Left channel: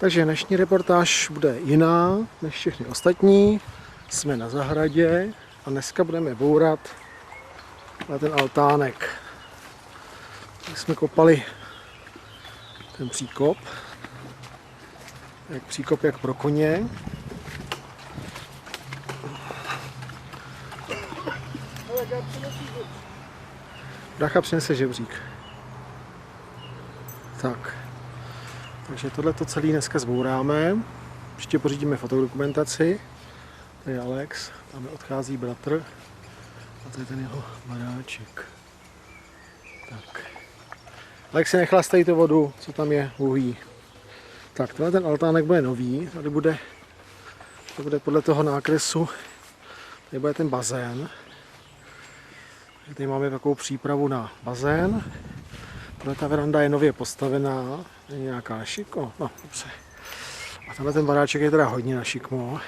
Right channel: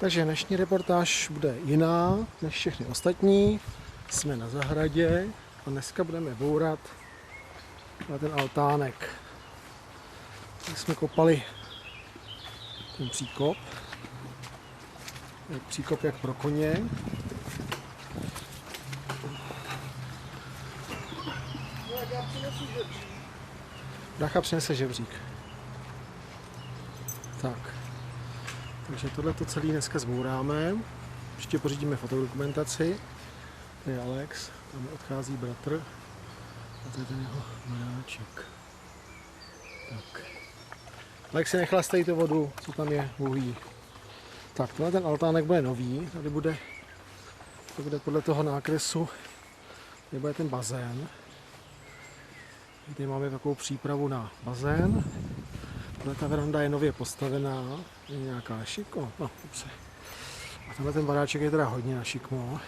Takže dnešní reportáž bude jiná než všechny ostatní. Jsme na zahradě a dneska budeme bourat na ten altánek. Tak jsme kopali ten příkop. Příkop jak pro koně. Brácha přinese žebřík. Tak. Takže tohleto celé dneska zbouráme. Ještě pořídíme fotodokumentaci. Tady je Alex, tam odchází bratr. A to je ten jeho baráček. Tak. Alex si nechlastej tu vodu, co tam je uhlí. Tak, tohle ten altánek bude nový. Tady bude podle toho nákresu. Tady bude ten bazén. Tady máme takovou přípravu na bazén. Tohle ta veranda je nově postavená, je nějaká na šikmo, no dobře. A tenhle ten baráček je teda hodně na šikmo,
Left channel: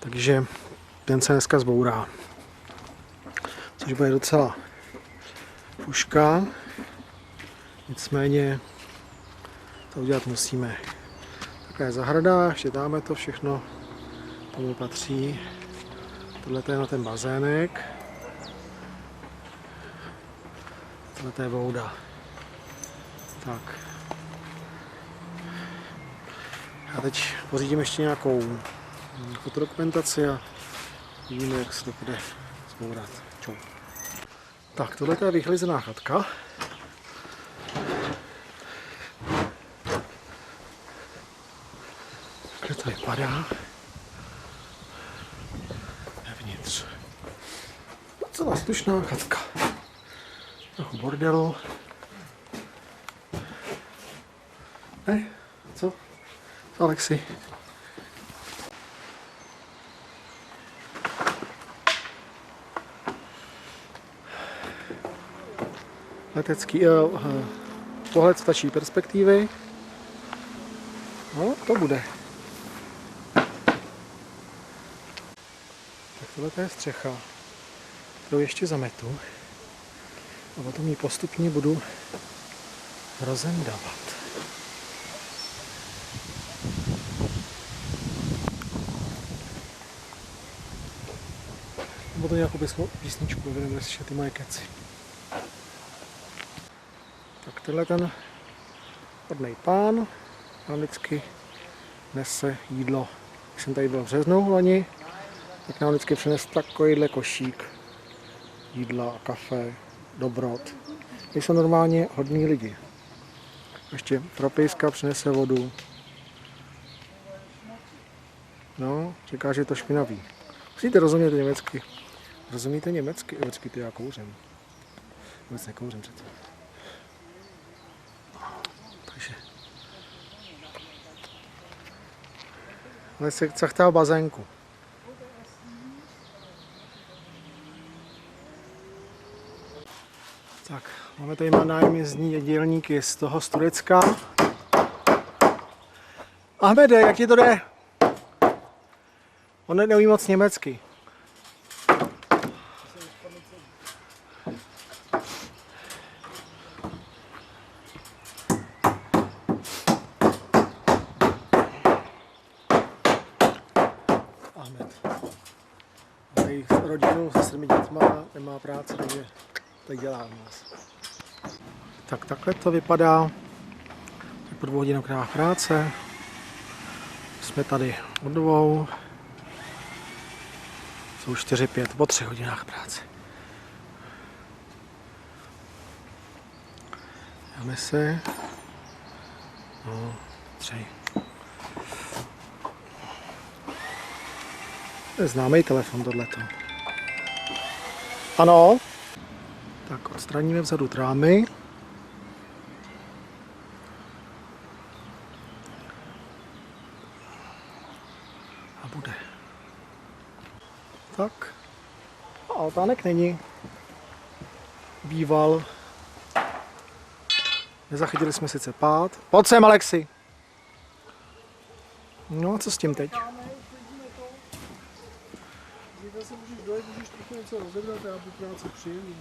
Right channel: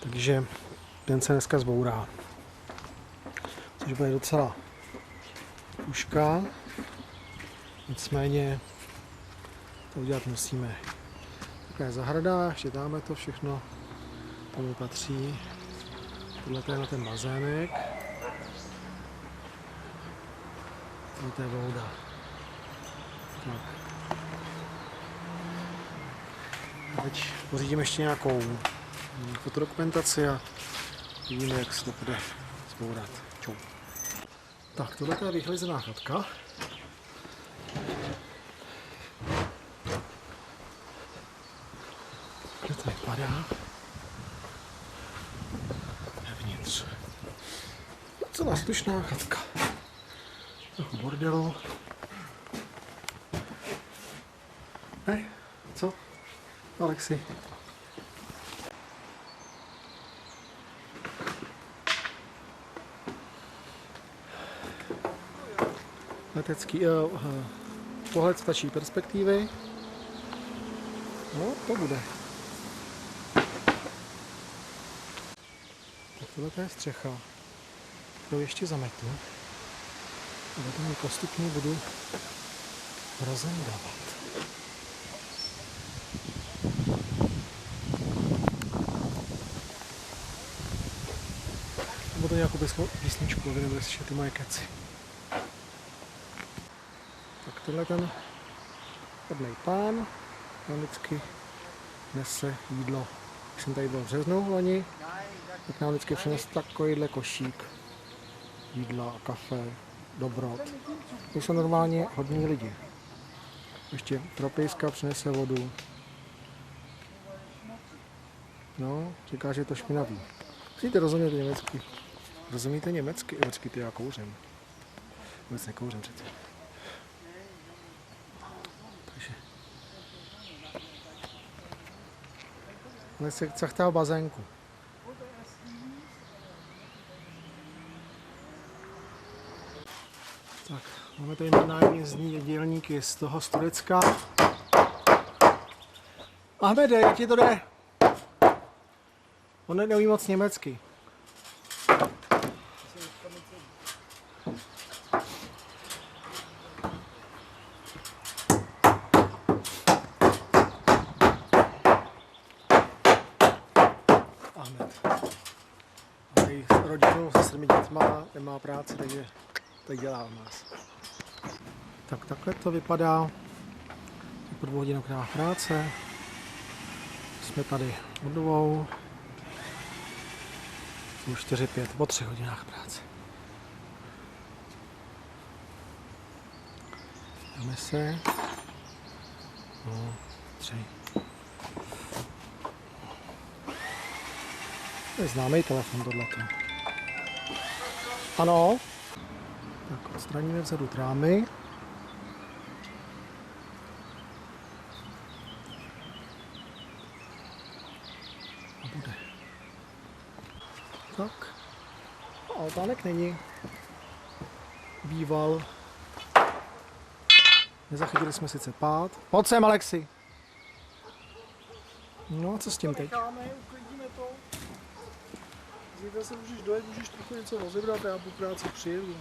takže ten se dneska zbourá. Což bude docela puška, nicméně to udělat musíme. Taková je zahrada, ještě dáme to všechno, tomu patří. Tohle je na ten bazének. Tohle je voda. Tak. A teď pořídím ještě nějakou fotodokumentaci a vidíme, jak se to bude zbourat. Čau. Tak, tohle je vychlizená chatka. Takhle to vypadá. Vevnitř. Celá slušná chatka. Trochu bordelu. Hej, co? Alexi. Letecký pohled z ptačí perspektivy. No, to bude. Tak tohle je střecha, kterou ještě zametu. A potom ji postupně budu rozendávat. Nebo to nějakou písničku, aby nebude slyšet ty moje keci. Tak tenhle ten hodnej pán nám vždycky nese jídlo. Když jsem tady byl v březnu loni, tak nám vždycky přinese takovýhle košík jídla a kafe, dobrot. Ty jsou normálně hodní lidi. Ještě trapejska přinese vodu. No, říká, že je to špinavý. Musíte rozumět německy. Rozumíte německy? Počkej, ty já kouřím. Vůbec nekouřím přece. Takže. Ale se chachtá bazénku. Tak, máme tady nájemní dělníky z toho z Turecka. Ahmede, jak ti to jde? On neumí moc německy. Ahmed. Tady s rodinou se 7 dětma nemá práci, takže tady dělá u nás. Tak takhle to vypadá. Po 2 hodinách práce. Jsme tady od 2. Jsou 4-5, po 3 hodinách práce. Dáme se. No, 3. To je známý telefon tohleto. Ano. Tak odstraníme vzadu trámy. A bude. Tak. A altánek není. Býval. Nezachytili jsme sice pád. Pojď sem, Alexi. No a co s tím teď? Uklidíme to. Zítra se můžeš dojet, můžeš trochu něco rozebrat a já po práci přijedu.